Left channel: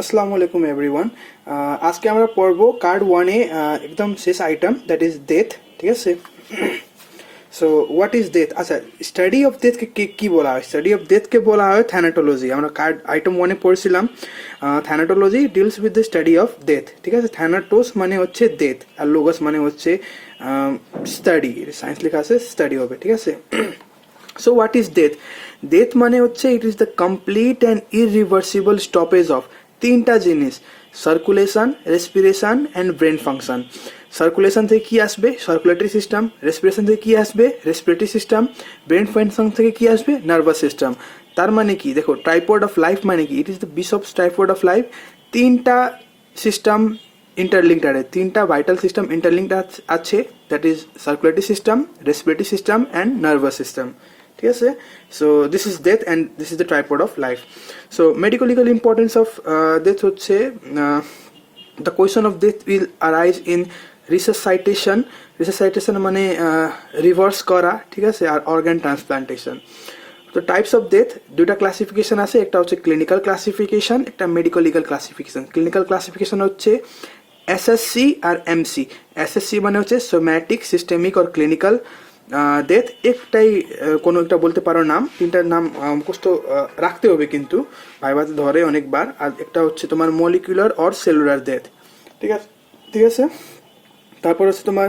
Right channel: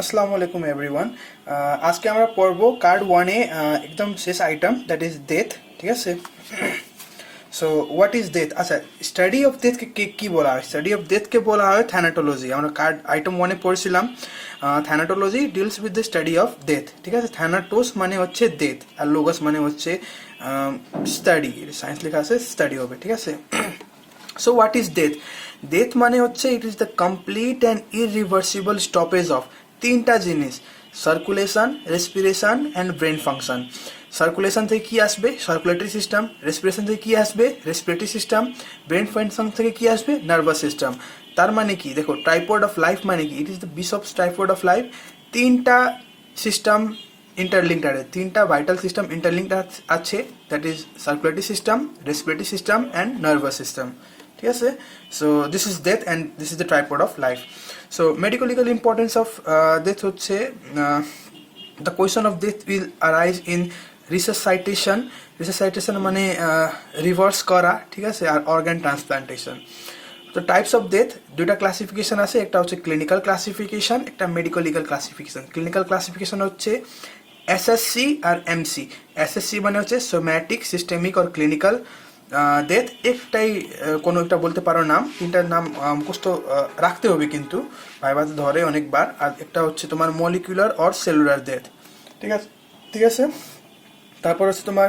আসসালামু আলাইকুম এভরিওয়ান। আজকে আমরা পড়ব কার্ড ওয়ানে একদম শেষ আইটেম, দ্যাট ইজ ডেথ। ঠিক আছে, সো হোয়াট ইজ ডেথ? আচ্ছা, স্টাডি অফ ডেথকে কি বলা হয়? স্টাডি অফ ডেথকে বলা হয় থ্যানাটোলজি। আমরা কার্ড আইটেম ওয়ানে পড়ছিলাম thanatology deals with the study of death. ঠিক আছে, থ্যানাটোস মানে হচ্ছে ডেথ, আর লোগাস মানে হচ্ছে স্টাডি। সায়েন্স লেখা আছে, স্টাডি হবে। ঠিক আছে, so what is death? Death মানে হচ্ছে it is the complete and irreversible stoppage of তিনটা জিনিস: circulation, respiration and brain function. Circulation থেকে কি আসবে? Circulatory system. রেসপিরেশন থেকে কি আসবে? Respiratory system. ব্রেন ফাংশন থেকে কি আসবে? Nervous system. তার মানে কি দেখো, ট্রাইপড অফ লাইফ মানে কি? It is the wish of tripod of life. তিনটা সিস্টেম ইন্টারলিঙ্কড আছে, তিনটা ভাইটাল সিস্টেম ইন্টারলিঙ্কড আছে, that is circulatory system, respiratory system and nervous system. ঠিক আছে, so this is death and this is the tripod of life. So medico legal importance of death হচ্ছে the question of death will arise in resuscitation. রিসাসাইটেশন মানে reverse করা। ঠিক আছে, আর organ transplantation. তো types of death দুইটা classification আছে, একটা হচ্ছে ক্লিনিক্যাল ক্লাসিফিকেশন, একটা medico legal classification. Clinical classification হচ্ছে এসএসসি আর এমসি। এসএসসি মানে হচ্ছে সোম্যাটিক, সিস্টেমিক আর ক্লিনিক্যাল ডেথ। একটাই কোনো একটা বলতে পারো নাম, তিনটার নাম মুখস্থ রাখতে হবে কিন্তু, ভাইভাতে ধরে অনেকবার। আর একটা হচ্ছে তোমার মলিকুলার অর সেলুলার ডেথ। ঠিক আছে, ঠিক আছে। তারপর হচ্ছে তোমার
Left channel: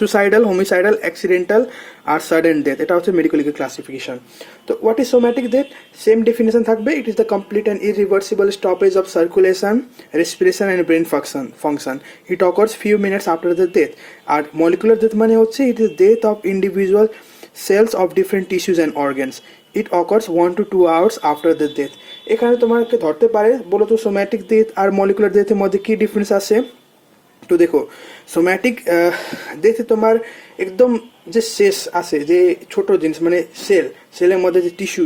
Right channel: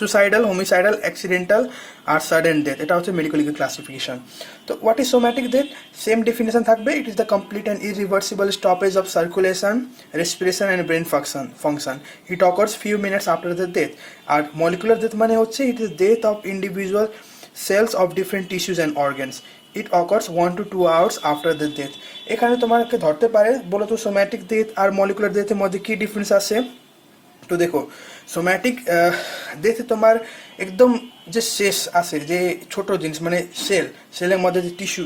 সুসাইডাল, হোমিসাইডাল, অ্যাক্সিডেন্টাল আর সাডেন ডেথ। এটা হচ্ছে মেডিকো লিগাল ক্লাসিফিকেশন। তো what is somatic death? Same definition থাকবে। It is the complete and irreversible stoppage of circulation, respiration and brain function. It occurs few minutes after the death. আর molecular death মানে হচ্ছে it is death of individual cells of different tissues and organs. It occurs 1 to 2 hours after the death. এখানে তোমাকে ধরতে পারে, বলো তো somatic death আর মলিকুলার ডেথের মধ্যে কি ডিফারেন্স আছে? তো দেখো, সোম্যাটিক ডেথে তোমার একদম যে শেষ আছে, যে ছোট জিনিস মানে সেলের মধ্যে যে টিস্যু,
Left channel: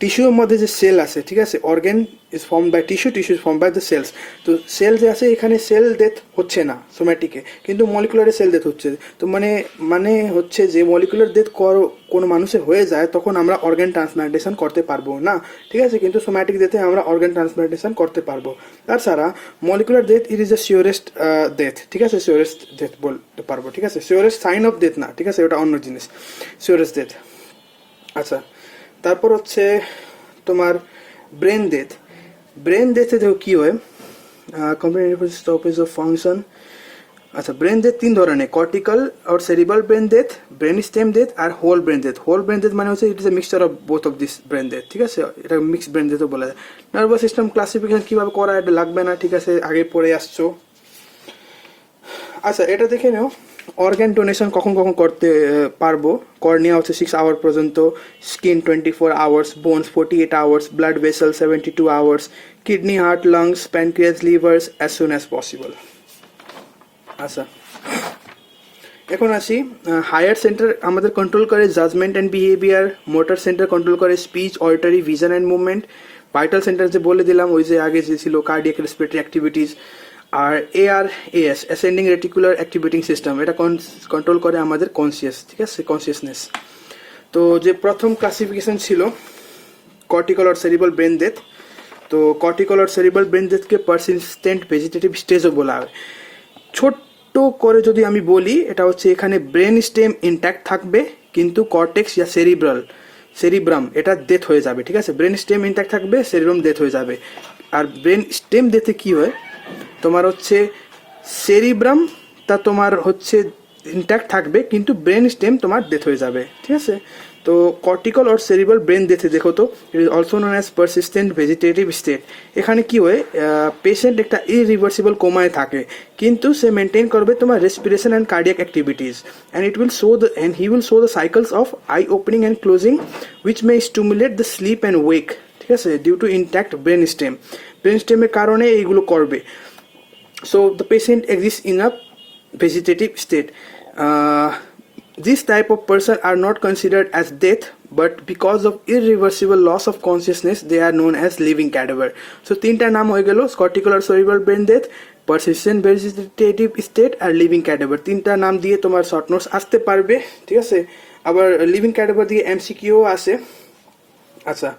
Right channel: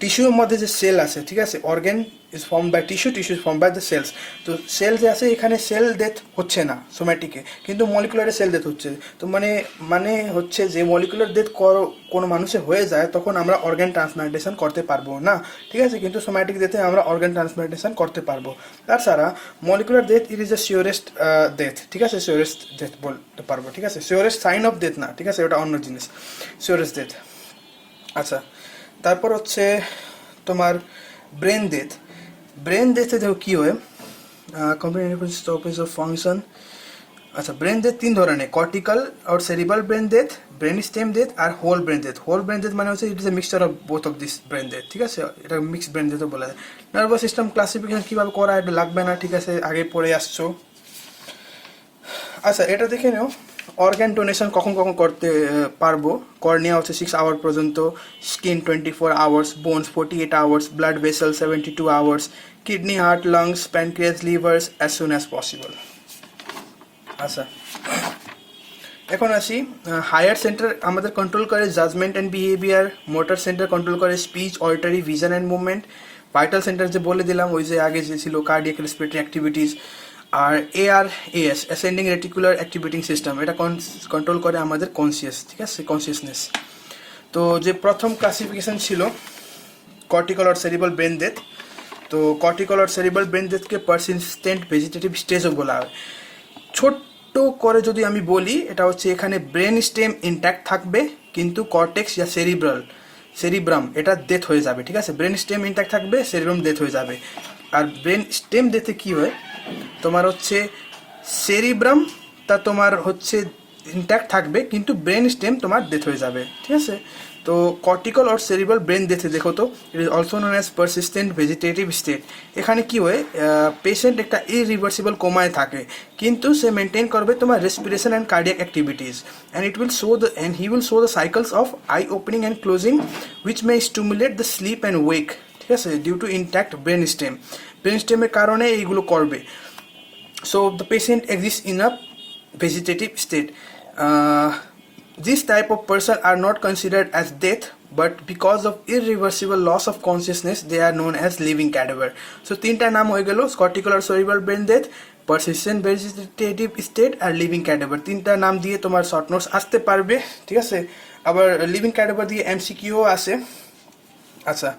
টিস্যুর মধ্যে যে সেল আছে, ঠিক আছে, organ is form by tissue, tissue is form by the cells. তো সেল যে আছে এখানে সেল ডেথ হচ্ছে না সোম্যাটিকে, কিন্তু মলিকুলারে সেল ডেথ হচ্ছে। তো মানে হচ্ছে যে মলিকুলার ডেথ কোনো মানুষের হয়ে যায় তখন আমরা অর্গান ট্রান্সপ্লান্টেশন করতে পারবো না। ঠিক আছে, কিন্তু সোম্যাটিক ডেথে আমরা অর্গান ট্রান্সপ্লান্টেশন করতে পারবো। তাছাড়া molecular death it is the surest death. ঠিক আছে, শিওরেস্ট ডেথ বলতে পারবো। ঠিক আছে, শিওরেস্ট সাইন অফ ডেথ না, ঠিক আছে, ওটা অন্য জিনিস, শিওরেস্ট ডেথ। আচ্ছা, তারপর হচ্ছে তোমার ব্রেন ডেথ। ব্রেন ডেথে দেখো কি হয়, কমপ্লিট স্টপেজ অফ ফাংশন। আচ্ছা, ব্রেন ডেথ তিন ধরনের: কর্টিক্যাল আর cerebral brain death, brain stem death আর whole brain death. Whole brain death মানে হচ্ছে it is a mixture of both of this brain death. ঠিক আছে, এটা মিক্সড ব্রেন ডেথও বলা যায়। নার্ভাস সিস্টেম ক্লাসিফিকেশন কিভাবে করা, এটা লাগবে না, ঠিক আছে, আগে পড়ে আসছো। আচ্ছা, এটা দেখে নাও অর্গান ডোনেশন কখন কখন করতে পারবো। কর্নিয়া হচ্ছে 6 আওয়ার পর্যন্ত, skin 24 hours, bones 48 hours, blood vessel 72 hours, kidney, heart, lungs, pancreas, livers as soon as possible. আচ্ছা, এখন আসি হায়ার সেন্টার আমাদের কন্ট্রোল করে judgement and behaviour, motor centre control করে speech, auditory, vision and movement, vital centre যে বলে দিলাম ওই যে আগে যে ছিল কার্ডিয়াক রেসপিরেটরি অ্যাক্টিভিটিস, আর ARAS ascending reticular activating system, এটা কন্ট্রোল করে আমাদের কনসিয়াস, ঠিক আছে, কনসিয়াসনেস। তো যে প্রথম ক্লাসিফিকেশন ছিল cortical or cerebral brain death. তো কর্টিক্যাল অর সেরিব্রাল ব্রেন ডেথকে পারসিস্টেন্ট ভেজিটেটিভ স্টেজও বলা হয়। ছোট্ট করে যদি আমি বলি, এটা হচ্ছে এখানে ব্রেন স্টেম ইনট্যাক্ট থাকবে, কিন্তু কর্টেক্স ইয়া সেরিব্রাম এটা ডেথ হয়ে যাবে। ঠিক আছে, ব্রেন স্টেম ইনট্যাক্ট থাকবে, সেরিব্রাম ডেথ হয়ে যাবে। আর ব্রেন স্টেম ডেথে কি হয়, তোমার হচ্ছে সেরিব্রাম তা তোমার হচ্ছে ইনট্যাক্ট থাকবে, কিন্তু ব্রেন স্টেম তোমার ডেথ হয়ে যাবে। ঠিক আছে, তো কর্টিক্যাল অর সেরিব্রাল ব্রেন ডেথে দেখো তো, ইট is also known as persistent vegetative state. এখানে কি হয়, পেশেন্ট একটা ইরিভার্সিবল কোমায় থাকে, কিন্তু সে মেনটেন করবে তোমার respiration and cardiac activities, and he will show the cycles of eye opening and closing which may stimulate the sleep and wake. ঠিক আছে, due to intact brain stem. Brain স্টেমের কারণে এইগুলো করবে। So the patient exists in a vegetative state. This type of person are not considered as death, but because of irreversible loss of consciousness, they are known as living cadaver. So তিনটা নাম হয়ে গেল: cortical or cerebral brain death, persistent vegetative state R living cadaver. তিনটা নাম দিয়ে তোমার short notes আসতে পারবে। ঠিক আছে, আবার লিভিং ক্যাডাভার দিয়ে MCQ আসে। আচ্ছা,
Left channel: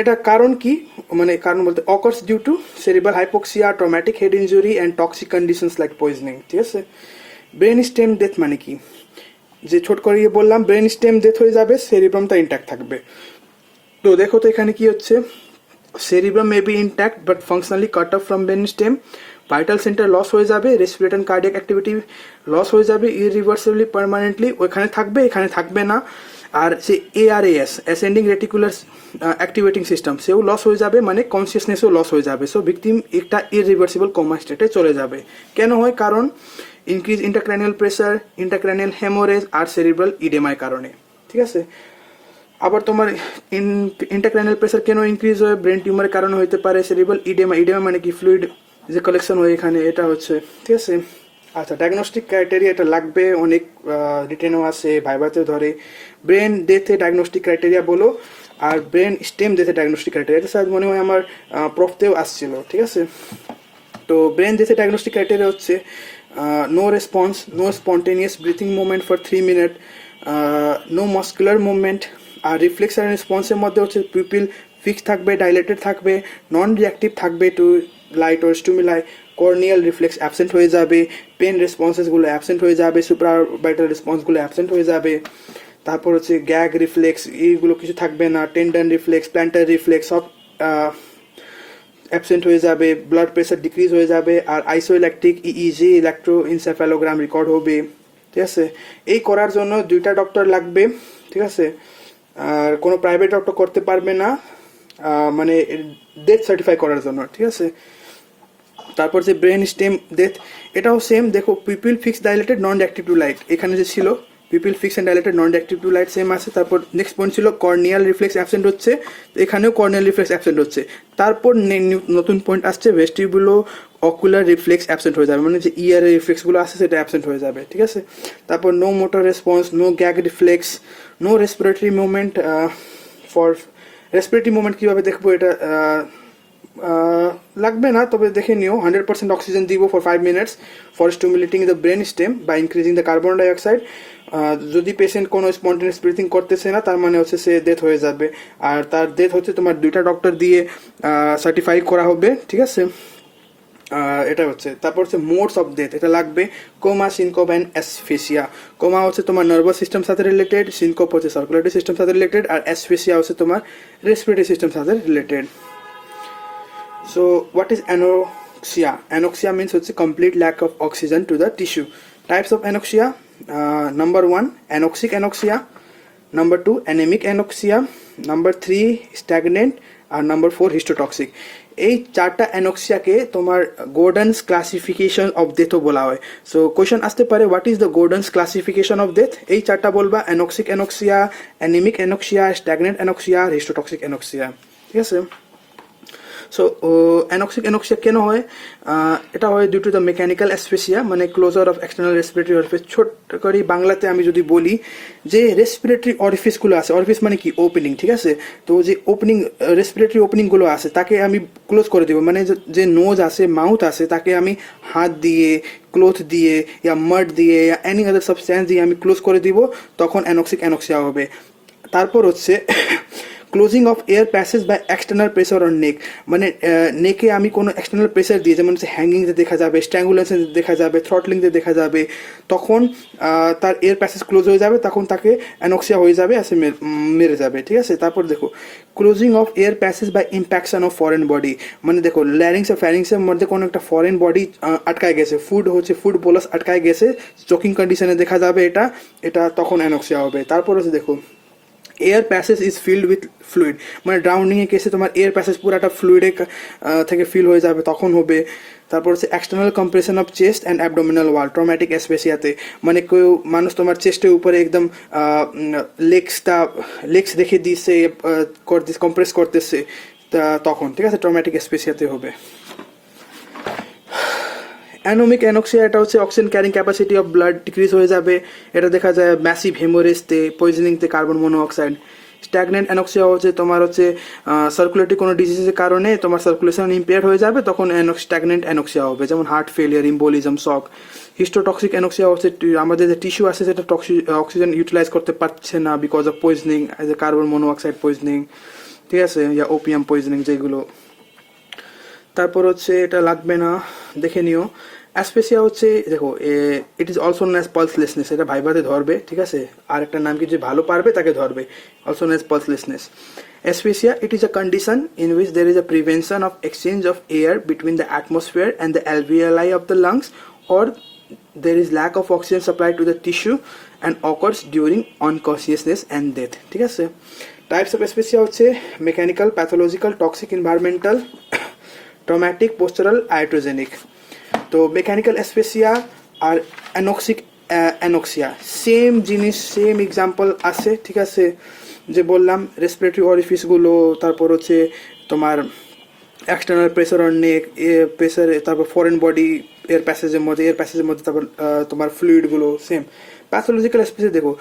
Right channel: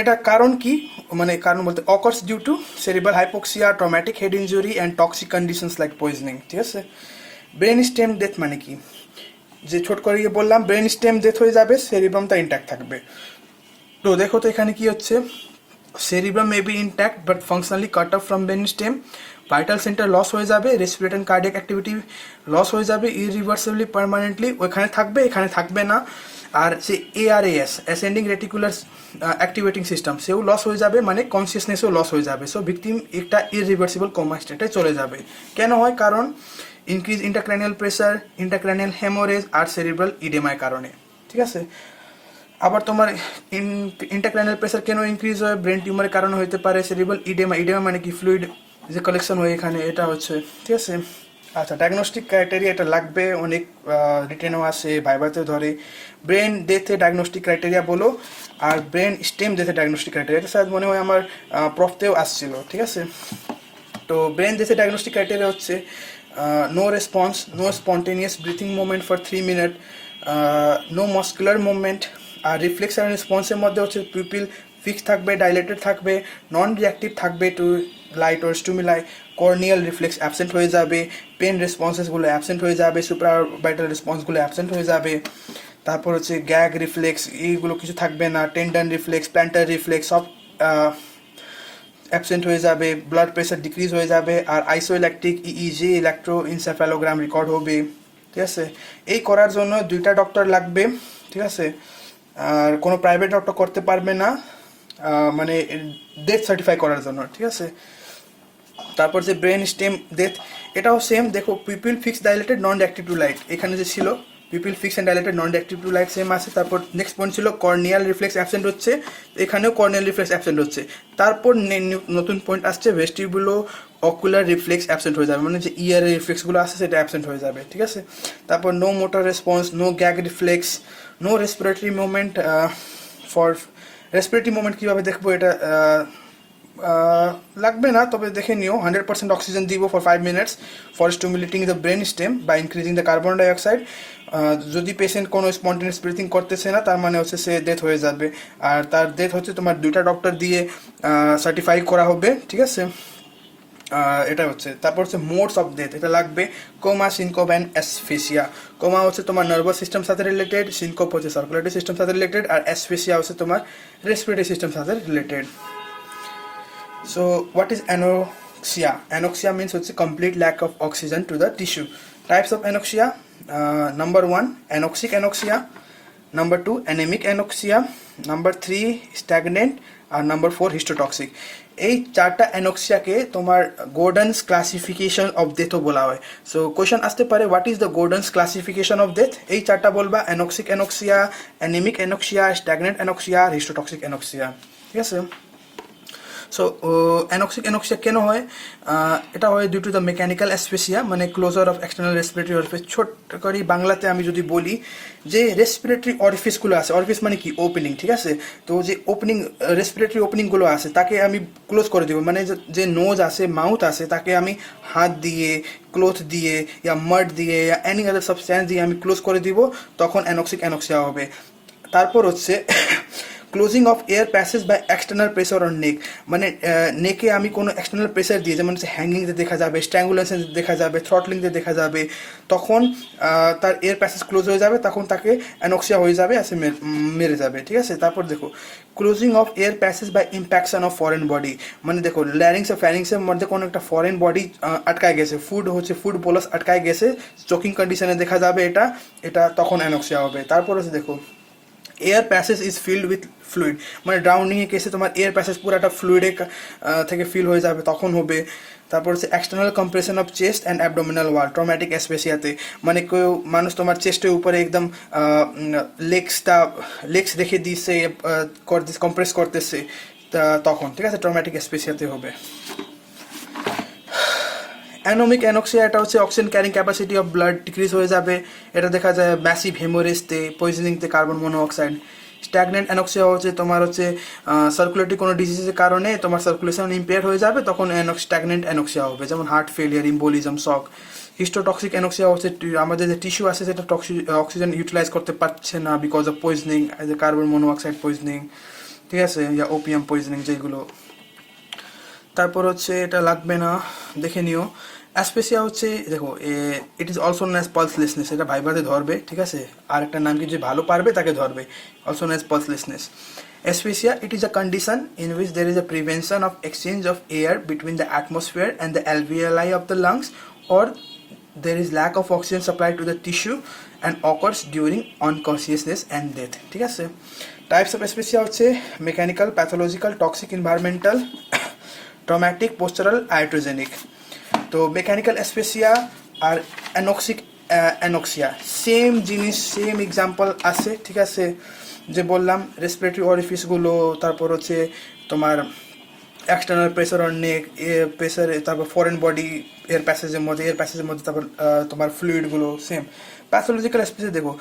এটা কারণ কি, মানে কারণ বলতে occurs due to cerebral hypoxia, traumatic head injury and toxic conditions like poisoning. ঠিক আছে, ব্রেন স্টেম ডেথ মানে কি, যে ছোট করে বললাম ব্রেন স্টেম ডেথ হয়ে যাবে, সেরিব্রামটা ইন্ট্যাক্ট থাকবে। তো দেখো তো এখানে কি হচ্ছে, cerebrum may be intact but functionally cut off from brain stem, vital centre loss হয়ে যাবে, respiratory and cardiac activity loss হয়ে যাবে ইরিভার্সিবলি পার্মানেন্টলি, ওইখানে থাকবে এখানে থাকবে না। আর যে এআরএএস অ্যাসেন্ডিং রেটিকুলার অ্যাক্টিভেটিং সিস্টেম সেও লস হয়ে যাবে, মানে কনসিয়াসনেসও লস হয়ে যাবে। সো ভিকটিম একটা ইরিভার্সিবল কোমা স্টেটে চলে যাবে। কেন হয়, কারণ ইনক্রিজ ইন্টারক্র্যানিয়াল প্রেসার, ইন্টারক্র্যানিয়াল হেমোরেজ আর সেরিব্রাল ইডেমার কারণে। ঠিক আছে, আবার তোমার ইন্টারক্র্যানিয়াল প্রেসার কেন ইনক্রিজ হয়, ব্রেন টিউমারের কারণে হতে পারে, সেরিব্রাল ইডেমা, ইডেমা মানে কি ফ্লুইড যে কালেকশন হয় এখানে, এটা হচ্ছে। ঠিক আছে, আচ্ছা ডায়াগনস্টিক ক্রাইটেরিয়া এটা লাগবে, অনেক রিটেনও আসে, ভাইভাতে ধরে। ব্রেন ডেথে ডায়াগনস্টিক ক্রাইটেরিয়া বলো, আর ব্রেন স্টেম ডেথে ডায়াগনস্টিক ক্রাইটেরিয়া, এটা স্যার মনে হয় আমার প্রফতেও আসছিল। ঠিক আছে, তো ব্রেন ডেথে ডায়াগনস্টিক ক্রাইটেরিয়া হচ্ছে no response, no spontaneous breathing movement for 3 minute, no muscular movement. আর রিফ্লেক্স আর রেসপন্সের মধ্যে হচ্ছে পিপিল ফিক্স থাকবে, ডাইলেটেড থাকবে, নন রিয়াক্টিভ থাকবে to light or stimuli, corneal reflex absent হয়ে যাবে, পেন রেসপন্সেসগুলো অ্যাবসেন্ট হয়ে যাবে, সুপারভাইটাল রেসপন্সগুলো অ্যাবসেন্ট হয়ে যাবে। তারপর হচ্ছে গ্যাগ রিফ্লেক্স এইগুলো কিছু থাকবে না, টেন্ডন রিফ্লেক্স, প্ল্যান্টার রিফ্লেক্স সব অ্যাবসেন্ট হয়ে যাবে, ব্লাড প্রেশার ডিক্রিজ হয়ে যাবে, আর আইসোইল্যাকট্রিক ইইজি ইলেকট্রোএনসেফালোগ্রাম রেকর্ড হবে। ঠিক আছে, এই করার জন্য 2টা ডক্টর লাগবে। ঠিক আছে, আর কোনো প্রাইভেট ডক্টর করতে পারবে না, মানে ডেথ সার্টিফাই করার জন্য। ঠিক আছে, তারপর যে ব্রেন স্টেম ডেথ, এটাও সেম। দেখো pupil fix dilated non reactive to light, এখানে যে ছিল pupil fix and dilated non reactive to light same আছে। তারপর নেক্সট পয়েন্ট ছিল কর্নিয়াল রিফ্লেক্স অ্যাবসেন্ট হচ্ছে, এখানেও কর্নিয়াল রিফ্লেক্স অ্যাবসেন্ট হচ্ছে। তারপর নতুন পয়েন্ট আসছে ভেস্টিবুলো অকুলার রিফ্লেক্স অ্যাবসেন্ট হয়ে যাবে, মানে যে ইয়ার রিফ্লেক্সগুলো আছে সেটা অ্যাবসেন্ট হয়ে যাবে। ঠিক আছে, তারপর no motor response, no gag reflex, no respiratory movement. For respiratory movement কীভাবে দেখবো, এটা লাগবে না, তবে দেখে নিও। 100% অক্সিজেন দিব for 5 minutes for stimulating the brain stem by increasing the carbon dioxide. যদি পেশেন্ট কোনো স্পন্টেনিয়াস ব্রিথিং করতেছে না, তার মানে হচ্ছে সে ডেথ হয়ে যাবে। আর তার ডেথ হচ্ছে তোমার 2টা ডক্টর দিয়ে সার্টিফাই করা হবে। ঠিক আছে, এটা হচ্ছে। তারপর হচ্ছে মোডস অফ ডেথ, এটা লাগবে কোমা, সিনকোপ অ্যান্ড অ্যাসফেসিয়া। কোমা হচ্ছে তোমার নার্ভাস সিস্টেম সাথে রিলেটেড, সিনকোপ হচ্ছে সার্কুলেটরি সিস্টেম সাথে রিলেটেড, আর অ্যাসফেসিয়া হচ্ছে তোমার রেসপিরেটরি সিস্টেম সাথে related. So, what is anoxia? Anoxia means it's a complete lack of oxygen to the tissue. Types of anoxia: number 1, anoxic anoxia; number 2, anemic anoxia; number 3, stagnant; আর number 4, histotoxic. এই 4টা অ্যানোক্সিয়াকে তোমার গোর্ডনস classification of ডেথও বলা হয়। So question আসতে পারে, what is the Gordon's classification of death? এই 4টা বলবা: anoxic anoxia, অ্যানেমিক anoxia, stagnant anoxia, হিস্টোটক্সিক anoxia. ঠিক আছে, সো অ্যানোক্সিক অ্যানোক্সিয়া কেন হয়? এটা হয় due to the mechanical asphyxia, মানে closure of external respiratory orifice. ছোট করে বাংলাতে আমি যদি বলি, যে রেসপিরেটরি অরিফিসগুলো আছে, অরিফিস মানে কি ওপেনিং। ঠিক আছে, তো যে ওপেনিং রেসপিরেটরি ওপেনিংগুলো আছে তাকে আমি ক্লোজ করে দেবো, মানে যে নোজ আছে, মাউথ আছে, তাকে আমি হাত দিয়ে, ক্লোথ দিয়ে, ইয়া মাড দিয়ে, ইয়া এনি আদার সাবস্ট্যান্স দিয়ে আমি ক্লোজ করে দিব, তখন অ্যানোক্সিক অ্যানোক্সিয়া হবে। তারপর হচ্ছে closing of air passage by external pressure on neck, মানে নেকে আমি কোনো এক্সটার্নাল প্রেসার দিয়ে, যেমন হচ্ছে হ্যাঙ্গিংতে দেখা যাবে, স্ট্র্যাঙ্গুলেশন দেখা যাবে, থ্রটলিংতে দেখা যাবে, তখন তার এয়ার প্যাসেজ ক্লোজ হয়ে যাবে, তখন তাকে অ্যানোক্সিয়া হয়ে যাবে, আসে মেরে যাবে। ঠিক আছে, তারপর দেখো closing of air passage by impaction of foreign body, মানে দেখো ল্যারিংস আর ফ্যারিংসের মধ্যে কোনো একটা ফরেন বডি আটকায় গেছে, ফুড বোলাস আটকায় গেছে, চোকিং কন্ডিশনে দেখা যাবে, এটা তখন অ্যানোক্সিয়া হবে। তারপর হচ্ছে দেখো air passage is filled with fluid, মানে ড্রাউনিংয়ের কেসে তোমার এয়ার প্যাসেজ পুরোটা ফ্লুইডে থেকে ফিল হয়ে যাবে, তখন হবে। তারপর হচ্ছে external compression of chest and abdominal wall, traumatic অ্যাসফেসিয়াতে, মানে কেউ মানুষ তোমার চেস্টের উপরে একদম লেগস রেখে দিচ্ছে, কম্প্রেস করতেছে, তখন। ঠিক আছে, ট্রমাটিক অ্যাসফেসিয়াতে হবে। অ্যানোমিক অ্যানোক্সিয়া, এটা হচ্ছে oxygen carrying capacity of blood decrease হয়ে যাবে, এটা দেখা যায় massive হেমোরেজতে, পয়জনিংতে carbon monoxide. Stagnant anoxia হচ্ছে তোমার হচ্ছে সার্কুলেটরি কোনো ডিজিজের কারণে তোমার সার্কুলেশন ইম্পেয়ার হয়ে যাবে, তখন স্ট্যাগনেন্ট অ্যানোক্সিয়া হবে, যেমন হার্ট ফেলিয়ার, ইম্বোলিজম, শক। হিস্টোটক্সিক অ্যানোক্সিয়া হচ্ছে আমাদের যে টিস্যু আছে সেটা অক্সিজেন ইউটিলাইজ করতে পারছে না because of poisoning, carbon monoxide poisoning. ঠিক আছে, ইয়া ওপিয়াম পয়জনিং যেগুলো। তারপর হচ্ছে এটা লাগবে না, দেখে নিও। অ্যাসপেসিয়া হচ্ছে দেখো, it is also known as pulselessness, এটা ভাইভাতে ধরবে, ঠিক আছে। আর একটা নাম কি, যে ভালো পারবে তাকে ধরবে, also known as pulselessness. Asphyxia, it is a condition in which there is a prevention of exchange of air between the atmosphere and the alveoli of the lungs, or there is lack of oxygen supply to the tissue and occurs during unconsciousness and death, ঠিক আছে। Types of অ্যাসপেসিয়া হচ্ছে mechanical, pathological, toxic, environmental, traumatic, postural, iatrogenic. তো mechanical অ্যাসপেসিয়া আর anoxia same জিনিস, same example আছে, ঠিক আছে। যে বললাম রেসপিরেটরি অরিফিসগুলো, তারপর হচ্ছে তোমার external pressure on neck, pressure, তারপর ফরেন বডি এর প্যাসেজের মধ্যে তারপর তোমার ফ্লুইডগুলো সেম। প্যাথোলজিক্যাল অ্যাসপেসিয়া দেখো,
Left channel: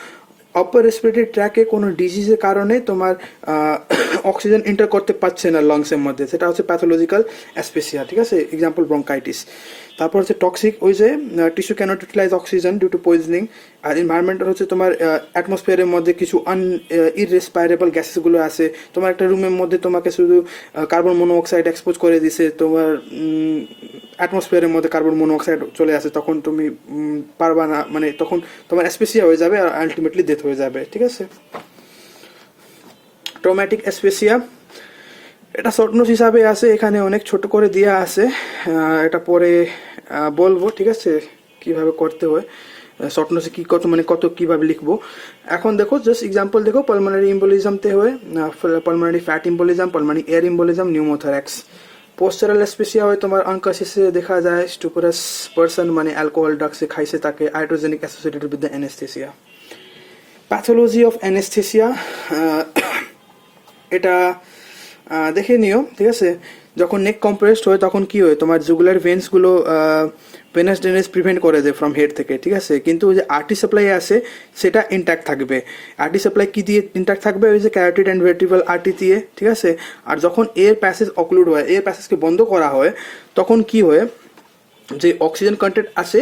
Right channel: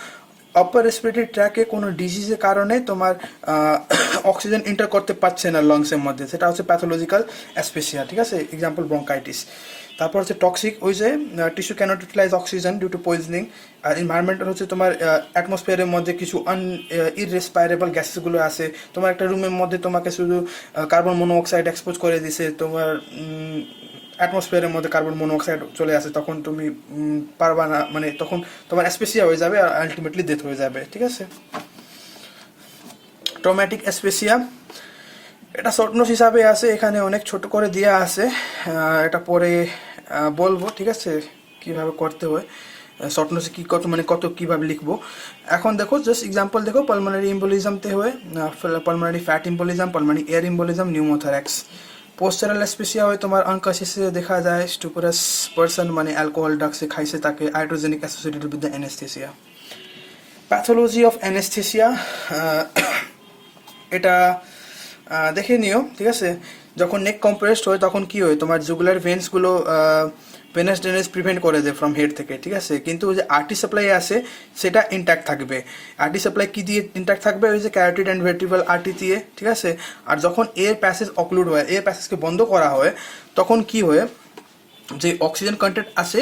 আপার রেসপিরেটরি ট্র্যাকে কোনো ডিজিজের কারণে তোমার অক্সিজেন এন্টার করতে পারছে না লাংসের মধ্যে, সেটা হচ্ছে প্যাথোলজিক্যাল অ্যাসপেসিয়া, ঠিক আছে, এক্সাম্পল ব্রঙ্কাইটিস। তারপর হচ্ছে টক্সিক, ওই যে tissue cannot utilize oxygen due to poisoning. আর এনভায়রনমেন্টাল হচ্ছে তোমার অ্যাটমসফিয়ারের মধ্যে কিছু ইররেসপাইরেবল গ্যাসেসগুলো আছে। তোমার একটা রুমের মধ্যে তোমাকে শুধু কার্বন মনোঅক্সাইড এক্সপোজ করে দিছে, তোমার অ্যাটমসফিয়ারের মধ্যে কার্বন মনোঅক্সাইড চলে আসে, তখন তুমি পারবা না, মানে তখন তোমার অ্যাসপেসিয়া হয়ে যাবে আর আলটিমেটলি ডেথ হয়ে যাবে, ঠিক আছে। ট্রমাটিক অ্যাসপেসিয়া, এটা শর্ট নোট হিসাবে আছে, এখানে অনেক ছোট করে দেওয়া আছে, এটা পরে বলবো, ঠিক আছে, কিভাবে করতে হয় শর্ট নোটে, কি কত মানে কত কিভাবে লিখবো। এখন দেখো জাস্ট এক্সাম্পল দেখো, পালমোনারি এম্বোলিজমতে হয় pulmonary fat embolism, pulmonary air embolism, pneumothorax. Postural asphyxia হয় তোমার আনকনসিয়াসে দেখা যায়, স্টুপোরাস পারসন মানে অ্যালকোহল ড্রাগসে খাইছে তাকে, iatrogenic associated with the anaesthesia. Pathology of anaesthesia, এটা দেখে নিও, ঠিক আছে। যখন নেক কম্প্রেসড হয় তখন কি হয়, তোমার জুগুলার ভেন্সগুলো ভেনাস ড্রেনেজ প্রিভেন্ট করে দেয় ফ্রম হেড থেকে, ঠিক আছে। কিন্তু যে আর্টি সাপ্লাই আছে সেটা ইনট্যাক্ট থাকবে। আর্টি সাপ্লাই কি দিয়ে ইনট্যাক্ট থাকবে, ওই যে ক্যারোটিড অ্যান্ড ভের্টিব্রাল আর্টি দিয়ে, ঠিক আছে। আর যখন এয়ার প্যাসেজ অক্লুড হয়, এয়ার প্যাসেজকে বন্ধ করা হয়, তখন কি হয়, যে অক্সিজেন কন্টেন্ট আছে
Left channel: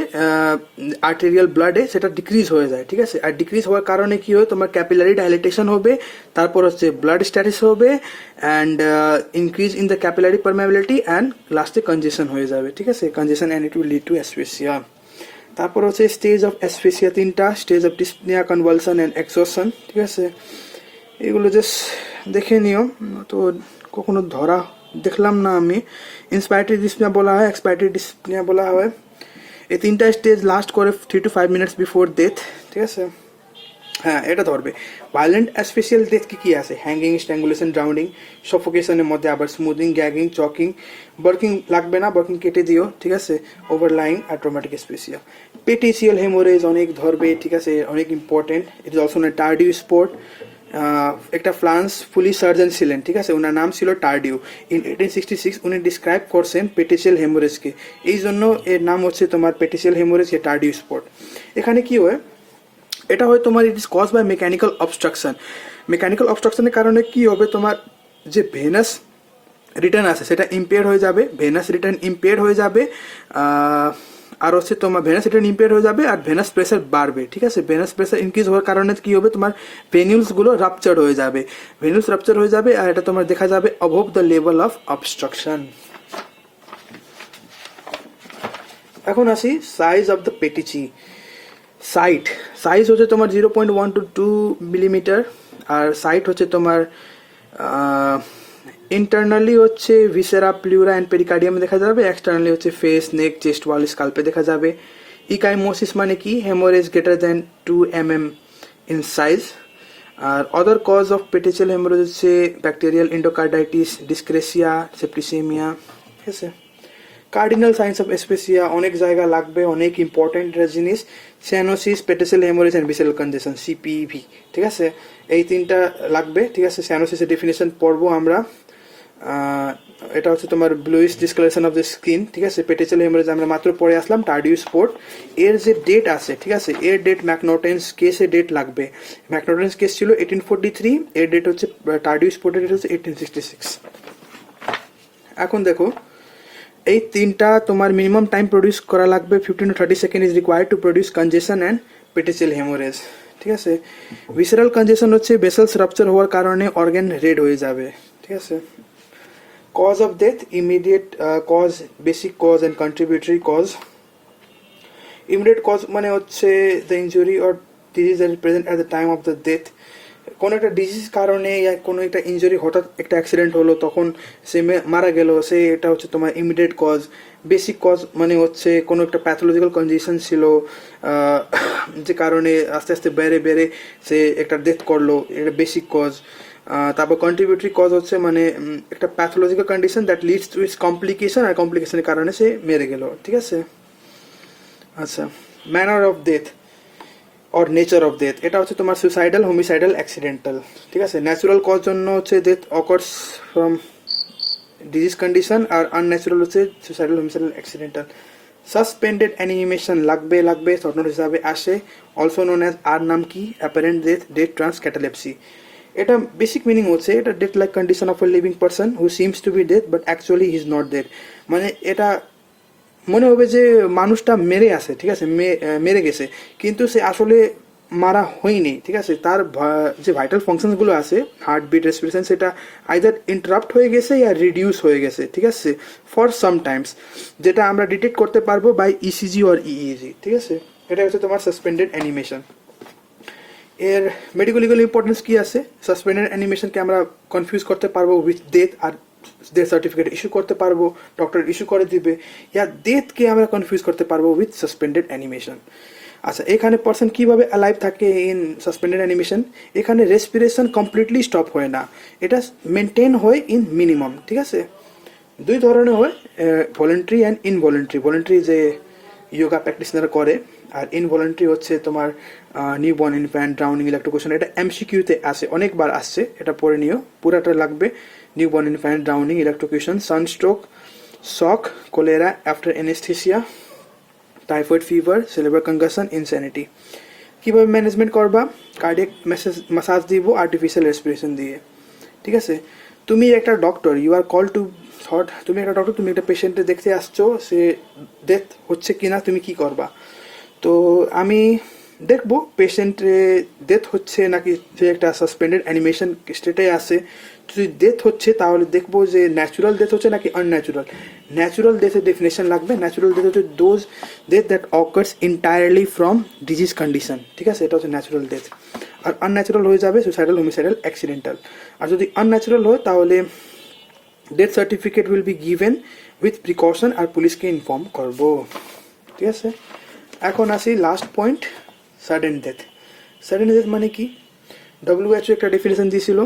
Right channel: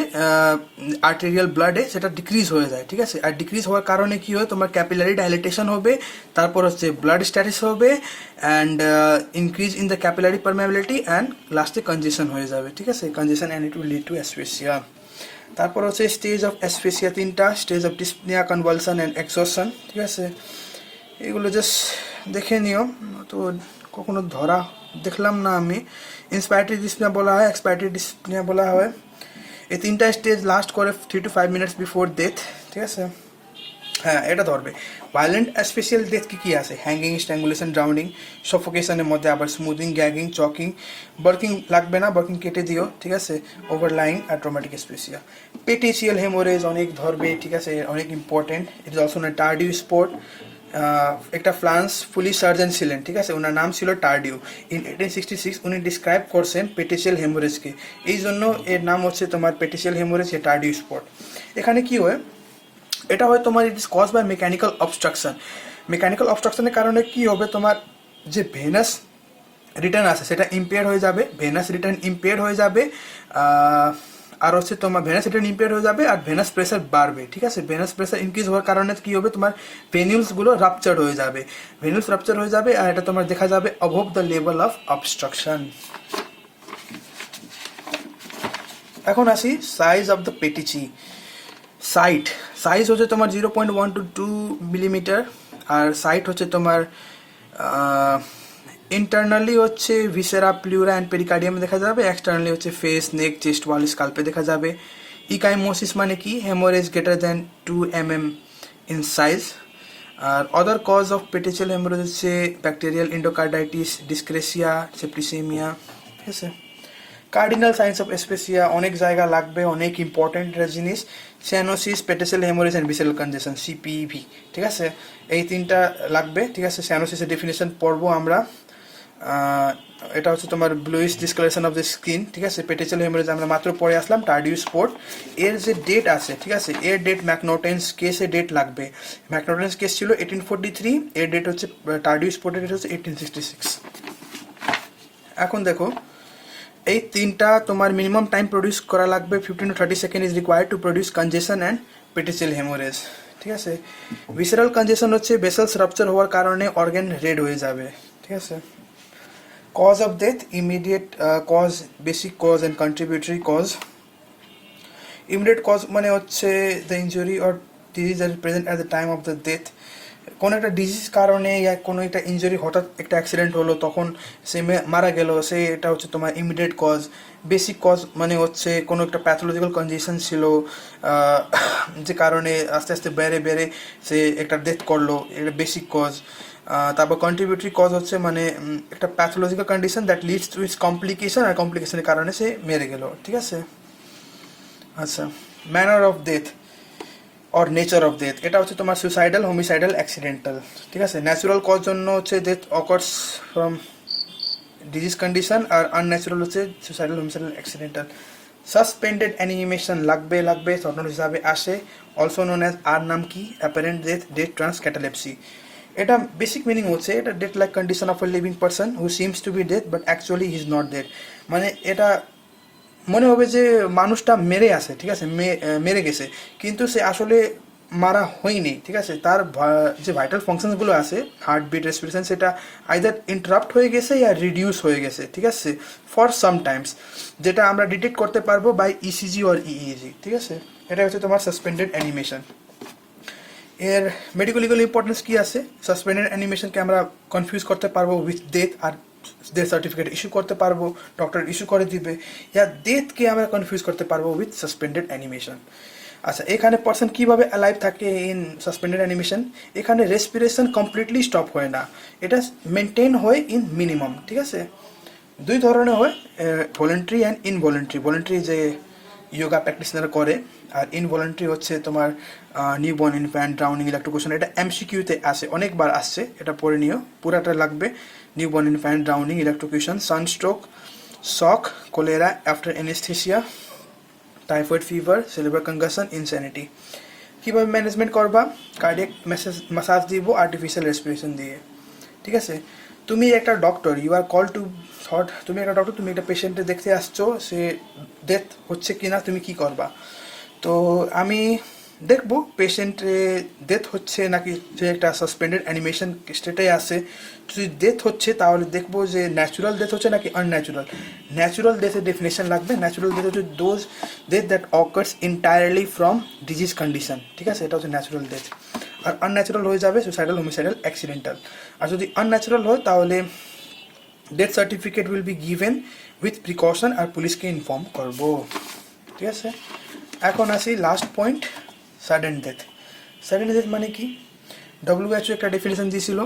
আর্টেরিয়াল ব্লাডে সেটা ডিক্রিজ হয়ে যায়, ঠিক আছে। আর ডিক্রিজ হওয়ার কারণে কি হয়, তোমার ক্যাপিলারি ডাইলেটেশন হবে, তারপর হচ্ছে ব্লাড স্ট্যাটিস হবে, and increase in the capillary permeability, and লাস্টে কনজেশন হয়ে যাবে, ঠিক আছে, congestion, and it will lead to asphyxia. তারপর হচ্ছে স্টেজ অফ অ্যাসফেসিয়া তিনটা, stage of dyspnoea, convulsion, and exhaustion, ঠিক আছে। এগুলো জাস্ট দেখে নিও, তো কখনো ধরা দেখলাম না আমি। ইন্সপাইরেটরি ডিসপনিয়া বলা হয়, এক্সপাইরেটরি ডিসপনিয়া বলা হয়। এই তিনটা স্টেজ লাস্ট করে 3 to 5 minutes বিফোর ডেথ, ঠিক আছে। হ্যাঁ, এটা ধরবে। ভায়োলেন্ট অ্যাসফেসিয়াল ডেথ কি আছে, হ্যাঙ্গিং, স্ট্র্যাঙ্গুলেশন, ড্রাউনিং, সফোকেশনের মধ্যে আবার স্মুদিং, গ্যাগিং, চকিং। বার্কিং লাগবে না, বার্কিং কেটে দিও, ঠিক আছে। ওভারলাইং আর ট্রমাটিক অ্যাসফেসিয়া। পেটিসিয়াল হেমোরেজ অনেক ধরবে, ঠিক আছে, অনেক important. It is also a Tardieu spot. একটা ফ্রান্স পুলিশ সার্জন ছিলেন, ঠিক আছে, ওনার নাম ছিল টার্ডিউ। ইন 1866 উনি ডিসক্রাইব করছেন পেটিসিয়াল হেমোরেজকে, এই জন্য এর নাম হচ্ছে তোমার পেটিসিয়াল হেমোরেজ, টার্ডিউ স্পট। এখানে কি হয়, এটা হয় তোমার it is cause by mechanical obstruction. Mechanical অবস্ট্রাকশনের কারণে কি হবে, তোমার যে ভেনাস রিটার্ন আছে সেটা ইম্পেয়ার হয়ে যাবে, ভেনাস রিটার্ন ইম্পেয়ার হয়ে যাবে, আর হচ্ছে তোমার ভেনাস রিটার্ন ইম্পেয়ার হয়ে যাবে, আর ভেনাস প্রেসার বাড়বে, ঠিক আছে। ভেনাস প্রেসার ইনক্রিজ হওয়ার কারণে কি হবে, তোমার ভেনিউলসগুলো রাপচার হয়ে যাবে, ভেনিউলস রাপচার হয়ে যাবে, আর এটা তোমার দেখা যাবে অবভ দ্য লেভেল অফ অবস্ট্রাকশন। এখন আসি সাইজ অফ দ্য পেটিচি। সাইজ হচ্ছে তোমার 0.1 to 2 মিলিমিটার, আর সাইট হচ্ছে তোমার ইন্টারনালি হচ্ছে ভিসেরা, প্লিউরা অ্যান্ড পেরিকার্ডিয়ামে দেখা যাবে, এক্সটার্নালি হচ্ছে ফেস, নেক, চেস্ট ওয়াল, স্কাল্পে দেখা যাবে। ইকাইমোসিস মানে কি, haemorrhage greater than 2 mm in size. আর other cause of petechial haemorrhage হচ্ছে ব্যাকটেরিয়াল এন্ডোকার্ডাইটিস, ডিসক্রেসিয়া, সেপ্টিসেমিয়া, ঠিক আছে। কার্ডিনাল সাইন্স অফ অ্যাসফেসিয়া অনেক জায়গা লাগবে, অনেক ইম্পর্টেন্ট জিনিস। Cyanosis, petechial haemorrhage and visceral congestion, CPV, ঠিক আছে, এই তিনটা লাগবে, ঠিক আছে। স্যানোসিসের ডেফিনেশন পড়বো আমরা, এটা হচ্ছে তোমার bluish discolouration of the skin, ঠিক আছে। পেটিসিয়াল হেমোরেজ আমরা মাত্র পড়ে আসলাম, টার্ডিউ স্পট। এর যে ডেট আছে, ঠিক আছে, এর ডেট ম্যাকনোটেন্স কেসে ডেট লাগবে। ম্যাকনোটেন্স কেস ছিল 1843, এর ডেট হচ্ছে টার্ডিউ স্পটের ডেট হচ্ছে 1866। এখন দেখো, এই তিনটা তোমার মিনিমাম টাইম প্রডিউস করা লাগবে, 15 to 30 second is required to produce congestion and petechial haemorrhage, ঠিক আছে। ভিসেরাল কনজেশন হচ্ছে ভেসেলস রাপচার হওয়ার কারণে অর্গান রেড হয়ে যাবে, ঠিক ঠিক আছে। Cause of death, immediate cause, basic cause and contributory cause. Immediate cause মানে হচ্ছে the injury or disease are present at the time of the death. কোনো একটা ডিজিজ কারণে ইয়া কোনো একটা ইনজুরি, হঠাৎ একটা অ্যাক্সিডেন্ট হলো, তখন সে মারা গেল, সে এটা হচ্ছে তোমার ইমিডিয়েট কজ। বেসিক কজ মানে হচ্ছে কোনো একটা প্যাথোলজিক্যাল কন্ডিশন ছিল যে কারণে আস্তে আস্তে বেড়ে বেড়ে সে একটা ডেথ করলো, এটা বেসিক কজ। তারপর কন্ট্রিবিউটরি কজ হচ্ছে মানে একটা pathological condition that leads to its complication, আর কমপ্লিকেশনের কারণে সে মেরে গেল, ঠিক আছে। আচ্ছা, manner of death or nature of death, এটা হচ্ছে তোমার সুইসাইডাল, হোমিসাইডাল, অ্যাক্সিডেন্টাল, ঠিক আছে। ন্যাচুরাল কজ জন্য হচ্ছে death occurs from disease condition, আর আনন্যাচুরাল হচ্ছে suicidal, homicidal, accidental. Suspended animation লাগবে শর্ট নোট হিসাবে আসে, অলসো নোন অ্যাজ, আর নাম কি, apparent death, death trance catalepsy. এটা বেসিক মিনিং হচ্ছে এটা death like condition of a living person who seems to be death but actually he is not dead. মানে এটা মনে হবে যে মানুষটা মেরে আছে, ঠিক আছে, মেরে গেছে, কিন্তু সে আসলে মারা হয়নি, ঠিক আছে। তার যে ভাইটাল ফাংশনগুলো আছে, হার্টবিট, রেসপিরেশন, সেটা আইদার ইন্টারাপ্ট হয়ে গেছে ইয়া রিডিউস হয়ে গেছে, ঠিক আছে, ফর সাম টাইমস, যেটা আমরা ডিটেক্ট করতে পারবো বাই ইসিজি অর ইইজি, ঠিক আছে। এটা হচ্ছে তোমার সাসপেন্ডেড অ্যানিমেশন। এর মেডিকেল লিগাল ইম্পর্টেন্স কি আছে? সাসপেন্ডেড অ্যানিমেশনকে আমরা কনফিউজ করতে পারবো উইথ ডেথ, আর ডেথ সার্টিফিকেট ইস্যু করতে পারবো, ডক্টর ইস্যু করে দিবে, ইয়া ডেথকে আমরা কনফিউজ করতে পারবো উইথ সাসপেন্ডেড অ্যানিমেশন। আচ্ছা, এখানে পার্সন কিভাবে অ্যালাইভ থাকে ইন সাসপেন্ডেড অ্যানিমেশন? এখানে রেসপিরেশন কমপ্লিটলি স্টপ হয় না, এটা মেনটেন হয় ইন মিনিমাম, ঠিক আছে। দুই ধরনের হয়, ভলেন্টারি অ্যান্ড ইনভলেন্টারি। ভলেন্টারি যে ইয়োগা প্র্যাকটিশনার করে, আর ইনভলেন্টারি হচ্ছে তোমার নিউবর্ন ইনফ্যান্ট, ড্রাউনিং, ইলেকট্রোকুশন। এটা এমসিকিউতে আসে, অনেকবার আসছে, এটা পড়ে নিও, পুরাটা লাগবে। Newborn infant, drowning, electrocution, sunstroke, shock, cholera after anaesthesia, typhoid fever, cerebral concussion, insanity. কীভাবে ম্যানেজমেন্ট করবা? কার্ডিয়াক ম্যাসাজ দিব আর্টিফিশিয়াল রেসপিরেশন দিয়ে, ঠিক আছে। তুমি একটা doctor, you are call to thought, তুমি একটা ডক্টর, তুমি একটা পেশেন্টে দেখতে আসছো, সে ডেথ হচ্ছে কিনা, তুমি কি করবা? তো আমি দেখবো পেশেন্টে ডেথ হচ্ছে নাকি যে একটা সাসপেন্ডেড অ্যানিমেশন স্টেটে আসে। যদি ডেথ হচ্ছে তাহলে দেখবো যে ন্যাচুরাল ডেথ হচ্ছে নাকি আনন্যাচুরাল। ন্যাচুরাল ডেথের ডেফিনেশন লাগবে। ন্যাচুরাল ডেথ হচ্ছে those death that occurs entirely from disease condition, ঠিক আছে, এটা হচ্ছে ন্যাচুরাল ডেথ। আর আনন্যাচুরাল হয়ে যাবে সুইসাইডাল, হোমিসাইডাল, অ্যাক্সিডেন্টাল। আর যদি আনন্যাচুরাল হয় তাহলে death certificate will be given with precaution, আর পুলিশকে ইনফর্ম করবো, ঠিক আছে। এখন আসি last point, sudden death. Sudden death মানে কি? WHO একটা ডেফিনেশন দিয়েছিল,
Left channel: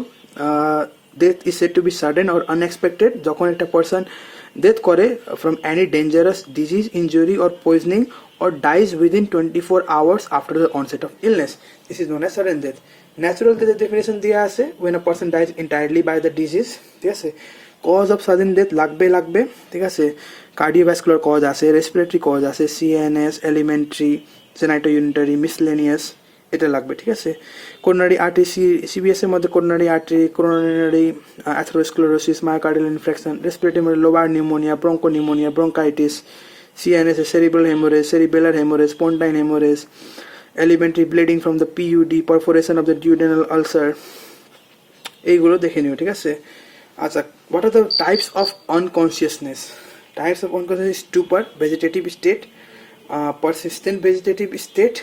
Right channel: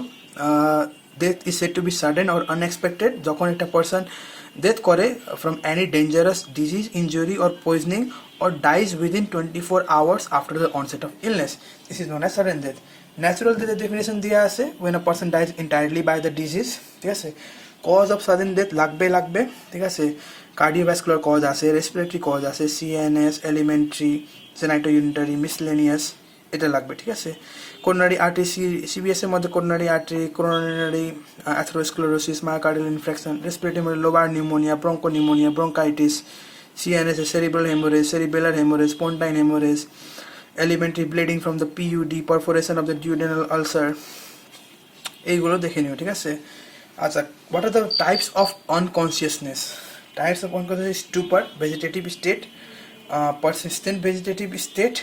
death is said to be sudden or unexpected যখন একটা পার্সন ডেথ করে from any dangerous disease, injury or poisoning or dies within 24 hours after the onset of illness. This is known as sudden death. Natural death definition দিয়া আছে when a person dies entirely by the disease, ঠিক আছে। cause of sudden death লাগবে, ঠিক আছে। cardiovascular cause আছে, respiratory cause আছে, CNS, elementary, genitourinary, miscellaneous, এটা লাগবে, ঠিক আছে। coronary artery, CVS এর মধ্যে coronary artery, coronary atherosclerosis, myocardial infarction, respiratory lobar pneumonia, bronchopneumonia, bronchitis, CNS, cerebral hemorrhage, cerebellar hemorrhage, pontine hemorrhage, elementary bleeding from the PUD, perforation of the duodenal ulcer, এইগুলো দেখে নিও, ঠিক আছে। আচ্ছা, what are the types of unconsciousness? Types of unconsciousness: stupor, vegetative state, persistent vegetative state,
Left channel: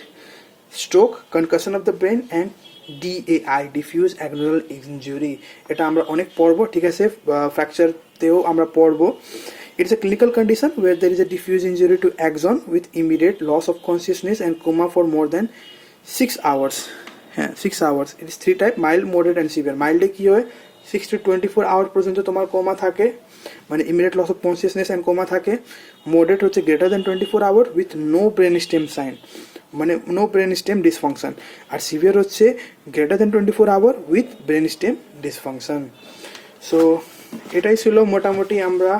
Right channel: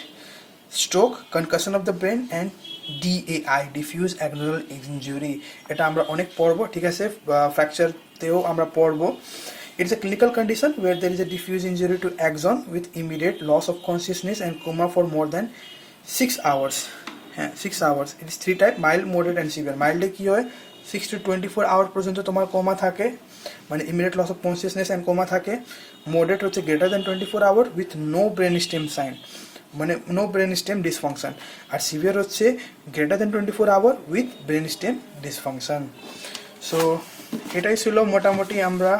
stroke, concussion of the brain, and DAI, diffuse axonal injury. এটা আমরা অনেক পড়বো, ঠিক আছে, ফ্র্যাকচারতেও আমরা পড়বো। It's a clinical condition where there is a diffuse injury to axon with immediate loss of consciousness and coma for more than 6 hours. 6 hours. It is 3 type: mild, moderate, and severe. Mild কি হয়? 6 to 24 hours পর্যন্ত তোমার coma থাকে, মানে immediate loss of consciousness and coma থাকে। Moderate হচ্ছে greater than 24 hours with no brainstem sign, মানে no brainstem dysfunction। আর severe হচ্ছে greater than 24 hours with brainstem dysfunction। So এটাই ছিল মোটামুটি আমরা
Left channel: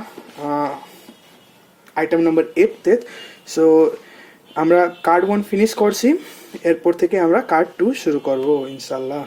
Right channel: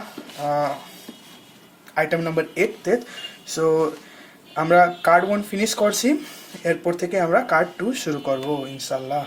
আইটেম নাম্বার 8তে। সো আমরা কার্ড 1 ফিনিশ করছি, এরপর থেকে আমরা কার্ড 2 শুরু করব ইনশাল্লাহ।